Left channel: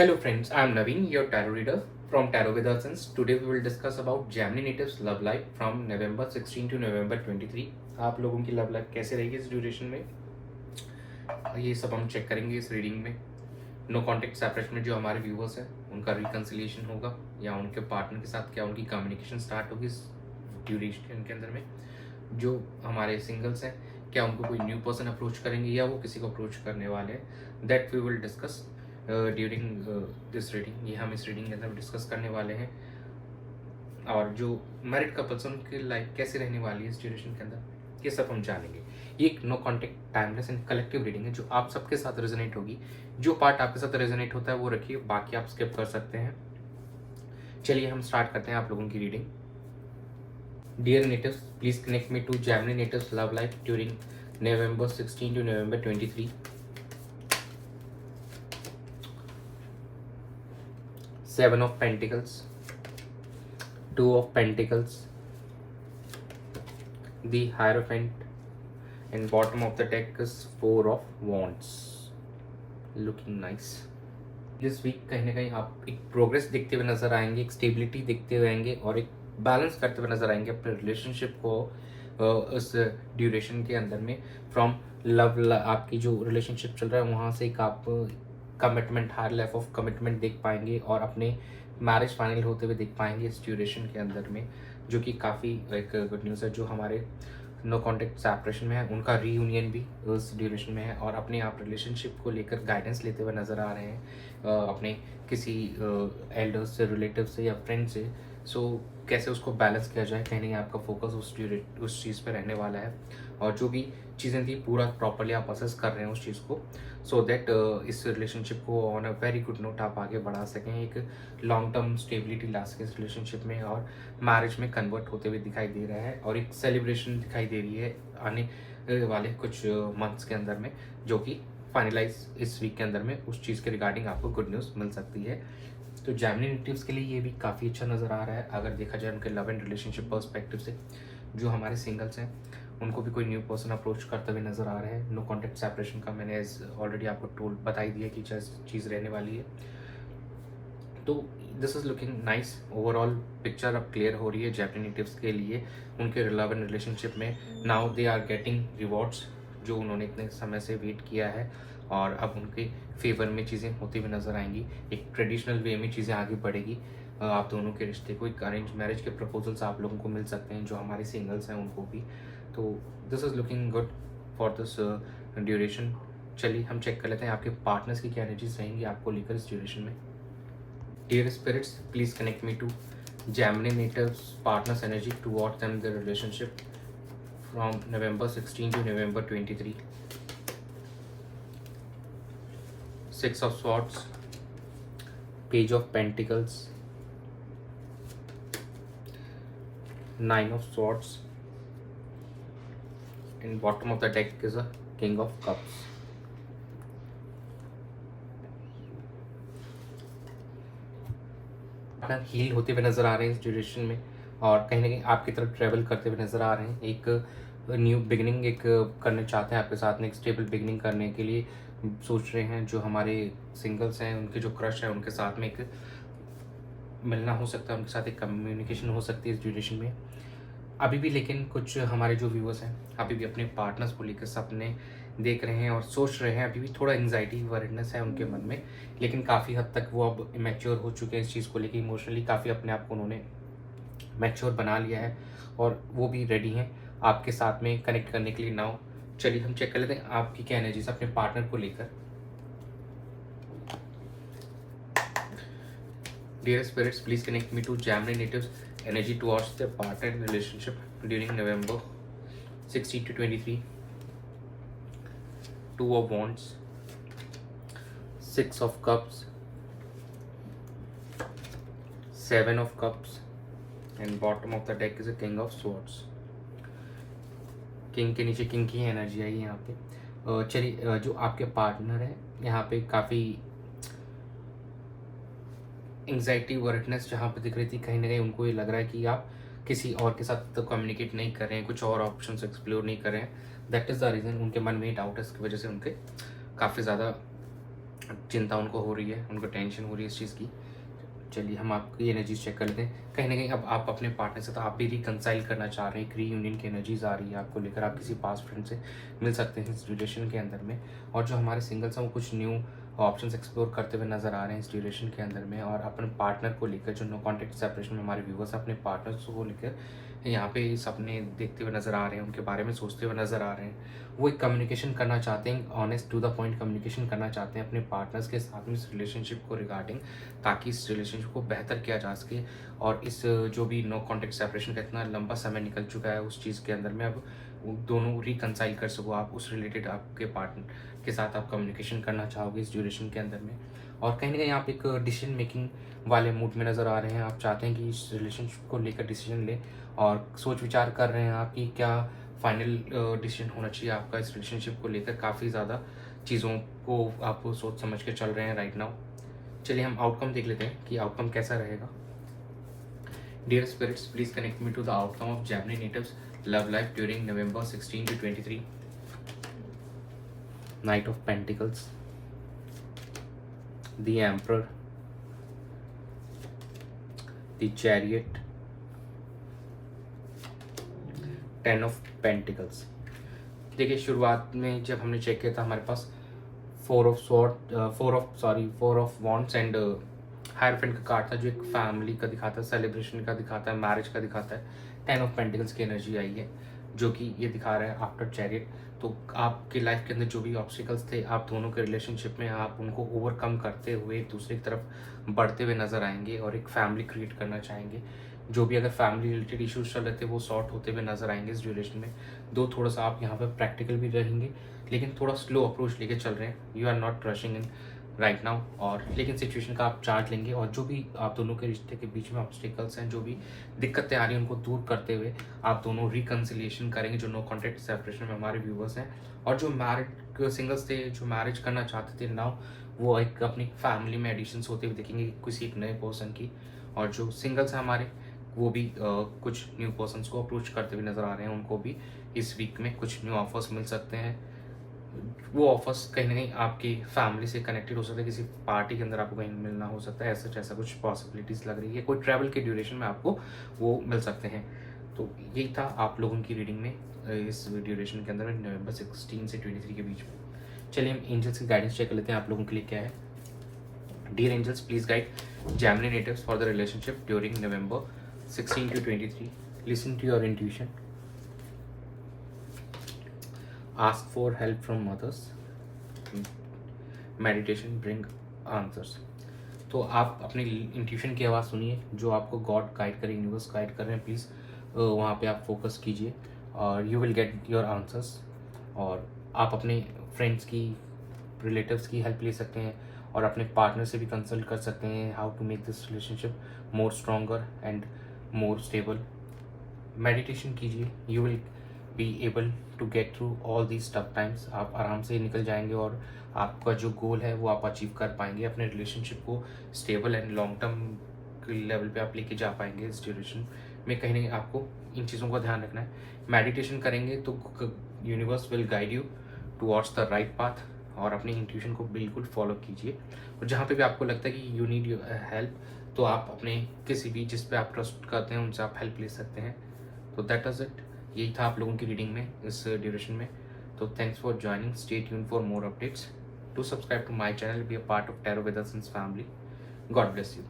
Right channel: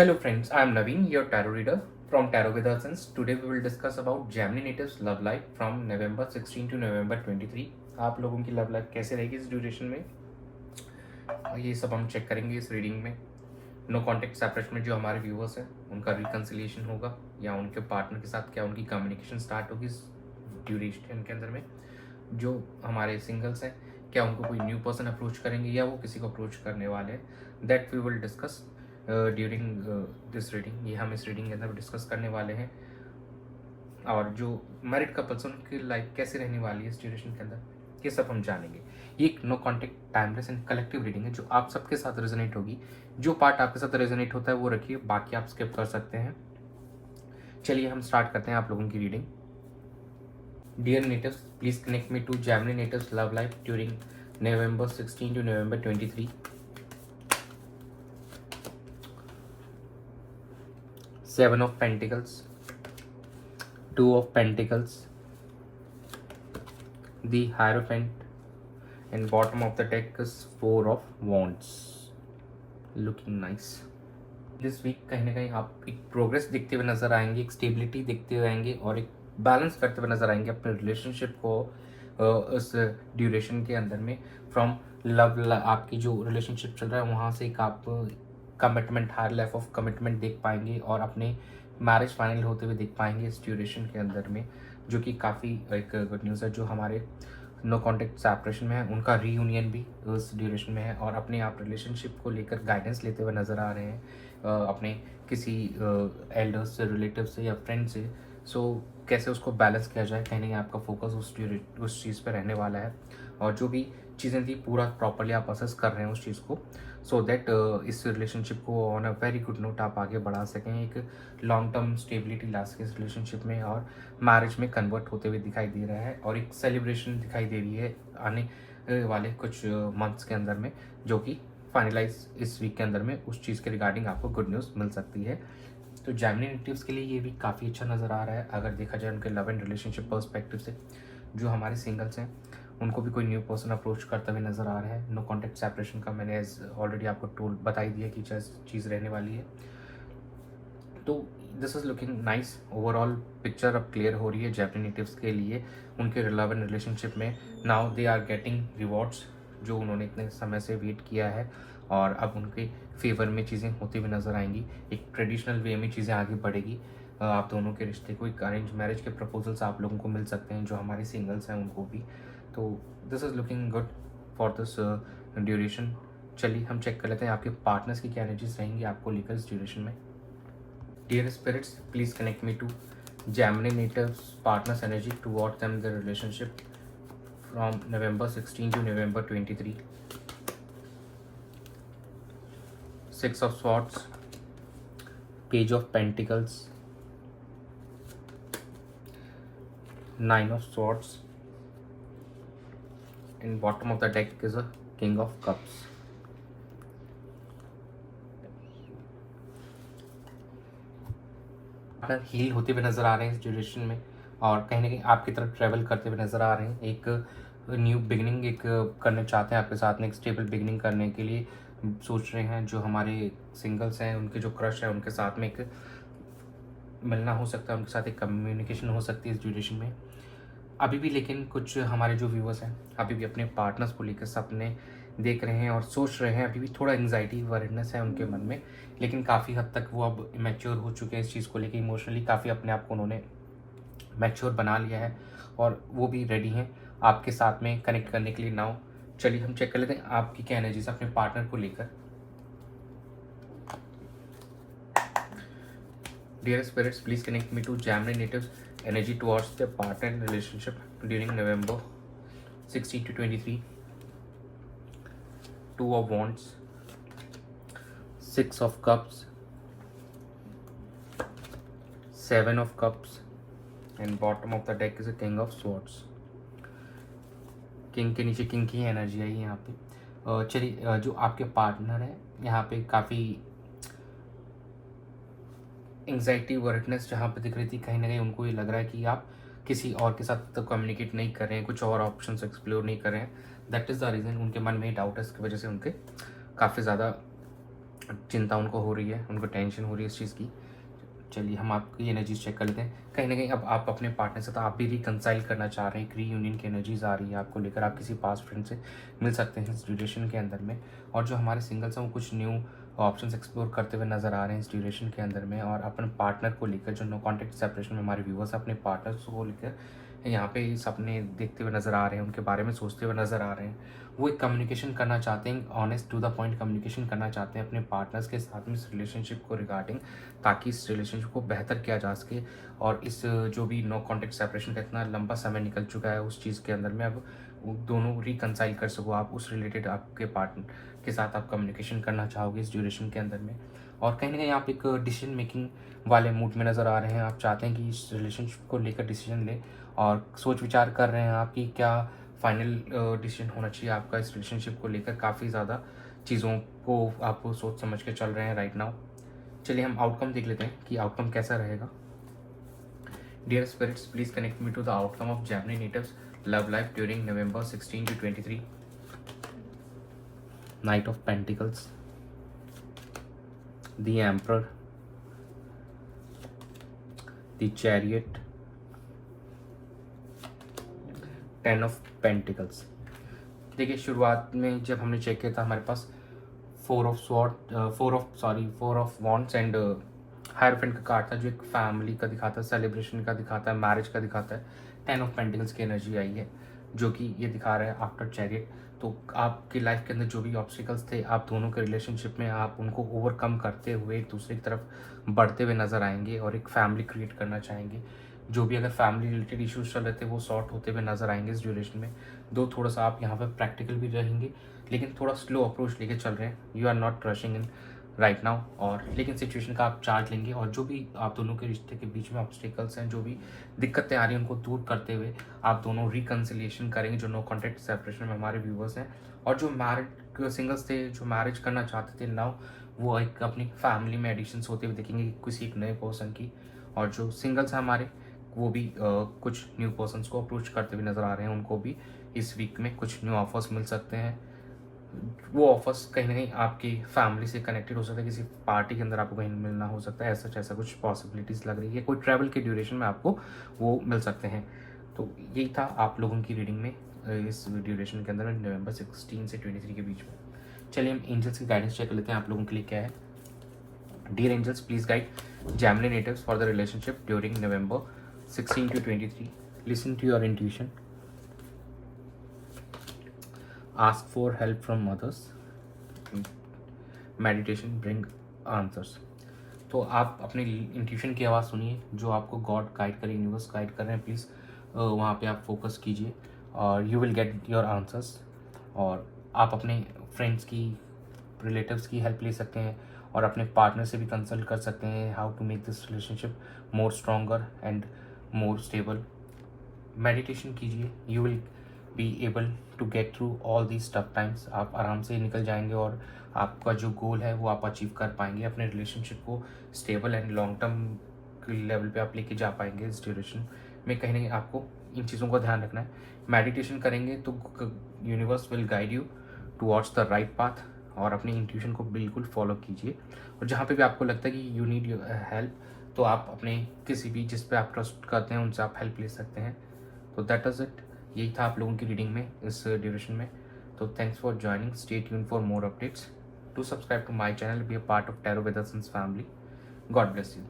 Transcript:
Hello friends, I am Naveen, your tarot reader from Tarot with Essence. Today we will discuss about Gemini natives love life from November 16 to November 23. आप लोगों की love life कैसे रहेगी इस duration में, ये सब हम चेक करेंगे इस रीडिंग में। नो कॉन्टेक्ट सेपरेशन में जो हमारे व्यूअर्स हैं उनका रिकन्सिलिएशन होगा या उनके पार्टनर के साथ क्या उनकी कम्युनिकेशन स्टार्ट होगी इस ड्यूरेशन के अंदर में। जो हमारे सिंगल्स हैं क्या उनको कोई न्यू पर्सन अप्रोच करेंगे या वो किसी को अप्रोच करने वाले हैं, that we will discuss during this reading. ये हम इस रीडिंग के अंदर डिस्कस करने वाले हैं। और जो मैरिड कपल्स हैं उनकी लाइफ कैसे रहने वाली है इस ड्यूरेशन के अंदर, ये सब हम जानेंगे। ये एक no contact timeless and collective reading है जो आप सबके साथ रेजोनेट होगी। जो पार्ट आपके साथ रेजोनेट होता है वो रखिए, बाकी आप स्किप कर सकते हैं। चलिए हम स्टार्ट करते हैं आप लोगों की reading. Dear natives, please connect me to Gemini natives love life during November 16 to November 23. Seven of Pentacles, Two of Pentacles, the Hierophant, and bottom of the deck is Four of Wands. Looking nice. This week कहीं ना कहीं आप एक progress देखते हुए नजर आएंगे, एक स्टेबिलिटी देखते हुए आएंगे और एक बैलेंस करते हुए नजर आएंगे अपने रिलेशनशिप को उस ड्यूरेशन के अंदर में। फ्रॉम लव, आपकी जो रिलेशनशिप चल रहा है वहाँ से एक आप commitment, high level of commitment देख पाएंगे और अपने मैरिज फाइनल होते हुए देख पाएंगे इस ड्यूरेशन के अंदर में, जो कि काफ़ी एक गुड न्यूज़ है। जो हमारे नो कॉन्टेक्ट सेपरेशन में है उनका रीयूनियन भी उस ड्यूरेशन में है और अपने आप रिलेशनशिप को लेकर गाइडेंस लेते हुए नज़र आ रहे हैं अपने किसी एल्डर्स से, रिलेटिव से या फ्रेंड से। सो कैसे उसको बैलेंस किया जाए, कहीं नहीं आपका फोकस उस चीज़ पे रहने वाला है और जो भी चीज़ें थी पूरा प्रॉपरली आप असेस कर रहे हैं उस चीज़ को, सो दैट इस रिलेशनशिप को on a very good note आप आगे बढ़ा सकें, एक लॉन्ग टर्म स्टेबिलिटी ला सकें इस रिलेशनशिप में और मैरिज में कन्वर्ट होते हुए दिखाई दे रहा है और एक सेलिब्रेशन दिखाई दे रही है आने वाले कुछ मंथ्स के अंदर में, जो कि फाइनलाइज इस वीक के अंदर में उस चीज़ के रिगार्डिंग आपको गुड न्यूज़ मिल सकती है। तो जेमिनी नेटिव्स के लिए ये भी काफ़ी अच्छा नज़र आ रहा है अगर देखा जाए उनके लव एंड रिलेशनशिप पर्सपेक्टिव से। जो हमारे सिंगल्स हैं उनको भी कोई न्यू पर्सन अप्रोच करते हुए नज़र आ रहा है। नो कॉन्टेक्ट सेपरेशन का मैंने ऑलरेडी आपको टूल बताई दिया कि चीज़ रहने वाली है। तो this is looking nice. Overall picture अब क्लियर हो रही है जेमिनी नेटिव्स के लिए उनके लव एंड रिलेशनशिप में। Now they are getting rewards जो उन्होंने इतने समय से वेट किया है और अब उनके फेवर में चीज़ें होती हुई नजर आएंगी। एक ट्रेडिशनल वे में चीज़ें आगे बढ़ेगी। आप दोनों के रिश्ते को एक अरेंज मैरिज के प्रपोजल्स आप लोगों को मिल सकते हैं, जो हमारे सिंगल्स हैं उनको भी। तो this is looking good for this duration. चलिए हम चेक कर लेते हैं आपके पार्टनर्स की क्या एनर्जीज रहेंगी आपको लेकर इस ड्यूरेशन में। Dear spirits, please connect me to Gemini natives partners energy towards them their relationship from November 16 to November 23. Six of Swords, Page of Pentacles, Nine of Swords, and bottom of the deck is a King of Cups. Heal होते हुए नज़र आ रहे हैं इस duration में और कहीं ना कहीं आपकी तरफ ट्रैवल करते हुए नज़र आ रहे हैं। एक न्यू बिगनिंग एक करना चाहते हैं आपके साथ में, एक स्टेबल बिगनिंग करने के लिए सोच रहे हैं। जो हमारे सिंगल्स हैं उनके जो क्रश है उनके साथ में एक मिलना हो सकता है, उनके साथ एक कम्युनिकेशन हो सकती है इस ड्यूरेशन में अभी भी। लेकिन कुछ हमारे जो व्यूअर्स हैं अभी भी अपने पार्टनर्स को लेकर सपने देख रहे हैं और सोच रहे हैं। अभी भी थोड़ा एंग्जाइटी वरीडनेस है उनके मन में, लेकिन काफ़ी हद तक वो अब मैच्योर हो चुके हैं इस चीज़ को लेकर। इमोशनली काफ़ी अपने आप को उन्होंने मैच्योर बना लिया है और वो भी रेडी हैं आपके साथ में कनेक्ट करने के लिए। नाउ चलिए हम चेक कर लेते हैं आपकी क्या एनर्जीज अपने पार्टनर को लेकर। Dear spirits, please connect me to Gemini natives energy towards the partner relationship during November 16 to 23. Two of Wands, Six of Cups, Seven of Cups, and bottom of the deck is a King of Swords. King के नीचे king की energy आई यहाँ पे। चलिए जो आपके partner है यहाँ पे काफ़ी एंग्जाइटी वर्डनेस जहाँ पे दिख रही थी, कहीं ना कहीं उनको ये लग रहा है कि आप किसी और के साथ तो कम्युनिकेट नहीं कर रहे हैं, कुछ और ऑप्शंस एक्सप्लोर नहीं कर रहे हैं। दैट इज़ द रीज़न उनके मन में ही डाउट है, इसकी वजह से उनके काफ़ी ज़्यादा चिंता उनको हो रही है, उनको टेंशन हो रही है इस चीज़ की। चलिए हम आपकी एनर्जीज चेक कर लेते हैं। कहीं ना कहीं अब आप अपने पार्टनर से तो आप भी रिकंसाइल करना चाह रहे हैं, एक रीयूनियन की एनर्जीज आ रही है आपको लेकर, आप किसी पास्ट फ्रेंड से मिल सकते हैं इस ड्यूरेशन के अंदर में। और जो हमारे सिंगल्स हैं वो कुछ न्यू ऑप्शंस एक्सप्लोर करते हुए नजर आ रहे हैं इस ड्यूरेशन के अंदर में। और अपने पार्टनर को लेकर, जो नो कॉन्टेक्ट सेपरेशन में हमारे व्यूवर्स अपने पार्टनर्स को लेकर यहाँ पे सपने देखते हुए नजर आ रहे हैं, उनके बारे में सोचते हुए नजर आ रहे हैं। वो एक कम्युनिकेशन करना चाहते हैं, honest to the point communication करना चाहते हैं अपने पार्टनर्स के साथ में इस रिलेशनशिप को रिगार्डिंग, ताकि इस रिलेशनशिप को बेहतर किया जा सके। और इस जो भी नो कॉन्टेक्ट सेपरेशन का इतना लंबा समय निकल चुका है उस चीज़ के अंदर में, अब दोनों रिकंसाइल कर सको आप उस रिलेटेड आपके पार्टनर के साथ आप कम्युनिकेशन करना चाहोगे इस ड्यूरेशन के अंदर में। और कहीं ना कहीं आप एक डिसीजन मेकिंग वाले मूड में नज़र आ रहे हैं, आप चाहते हैं कि इस रिलेशनशिप को लेकर डिसीजन ले और सोच विचार कर रहे हैं आप कि क्या फाइनल डिसीजन होना चाहिए आपका इस रिलेशनशिप को लेकर। काफ़ी ज़्यादा चीज़ों को आप सोच समझ के चल रहे हैं राइट नाउ। चलिए हम आउटकम देख लेते हैं कि आउटकम कैसा रहेगा। Dear spirits, please connect me to the outcome of Gemini natives love life during November 16 to 23. Knight of Pentacles, the Emperor, the Chariot, Ten of Pentacles. देखिए शुरुआत में जब हमने चेक किया था हमारे पास फोर ऑफ वॉन्ड्स एंड हायरफेंट का card था, जो एक फैमिली का दिखाता है, सेलिब्रेशन का दिखाता है, मैरिज का दिखाता है। 10 ऑफ पेंटिकल्स की एनर्जी आई है जो कि ये दिखा रहा है आफ्टर चैरियट। तो आपकी लाइफ के अंदर जो भी ऑब्स्टिकल्स थे आप दोनों के रिलेशनशिप में, आप उनको ओवरकम करते हुए एक दूसरे की तरफ बढ़ते हुए नजर आएंगे और एक फैमिली क्रिएट करना चाहेंगे। जो भी अगर फैमिली रिलेटेड इश्यूज चल रहे थे वो सॉर्ट होते हुए नजर आएंगे इस ड्यूरेशन में। थोड़ा सा आप यहाँ पर प्रैक्टिकल भी रहेंगे, लेकिन थोड़ा स्लो अप्रोच लेके चल रहे हैं। You are not rushing in right now, और लेकिन सिचुएशन का आप चार्ट लेंगे और जो भी आप दोनों के रिश्ते के बीच में ऑब्स्टिकल्स हैं, जो भी दिक्कतें आ रही हैं, उनको दूर करते हुए आप दोनों रिकन्सिलिएशन करेंगे। जो नो कॉन्टेक्ट सेपरेशन में हमारे व्यूवर्स हैं और जो मैरिड सिंगल्स थे जो मैरिज करना चाहते थे नाउ, वो एक अपनी फैमिली में एडिशंस होते हुए दिखेंगे किसी एक नए पर्सन की। और जो सिंगल्स हैं हमारे, वो भी कुछ न्यू पर्सन्स को अप्रोच करते हुए नजर आ रहे हैं। उनको भी इस वीक में कुछ न्यू ऑफर्स मिल सकते हैं। वो ऑफर्स कहीं ना कहीं आपकी फैमिली से कनेक्टेड हो सकता है, किसी पार्टी के अंदर आपको कहीं मिलना हो सकता है, ऐसा कुछ पॉसिबिलिटीज लग रही है। कोई ट्रैवल के ड्यूरेशन में आपको वो मिल सकते हैं। तो यही था आप लोगों की रीडिंग में इस ड्यूरेशन के अंदर November 16 से 23 के बीच में। चलिए हम एंजल्स की गाइडेंस चेक कर लेते हैं आप लोगों के लिए क्या है। Dear angels, please guide Gemini natives for the relationship during November 16 to 23. Listen to your intuition. Ask for help from others. Meditation bring answers. तो आप अपनी इंट्यूशन की आवाज़ सुनिए, जो आपको गॉड गाइड करे, यूनिवर्स गाइड कर रहे हैं। प्लीज़ वहाँ पे आप फोकस कीजिए और you will get your answers. और आप अपने फ्रेंड्स की, रिलेटिव्स की हेल्प ले सकते हैं और अपने पार्टनर से भी कंसल्ट कर सकते हैं how to make this relationship more stronger and more stable. Meditation कीजिए, you will be able to get through all these tough times. आप आराम से निकल जाएंगे और आपका जो गोल है वो आप अचीव कर पाएंगे। अपने रिलेशनशिप को stable and long term level पे आप लेके जा पाएंगे इस ड्यूरेशन में। कहीं ना कहीं आपको इन चीज़ों का ध्यान रखना है। मेडिटेशन करेंगे तो universe will guide you towards the right path, और अपनी इंट्यूशन को बिल्कुल फॉलो कीजिए। और जहाँ पे भी आपको लगता है कि यू नीड हेल्प, तो आप अपने किसी भी जिस पे आप ट्रस्ट करते हैं उनसे आप हेल्प ले सकते हैं। तो दैट इज इट, यही था आप लोगों की रीडिंग में इस ड्यूरेशन में। तो thanks for joining, stay tune for more updates, to subscribe to my channel, be a part of tarot with us family. God bless you.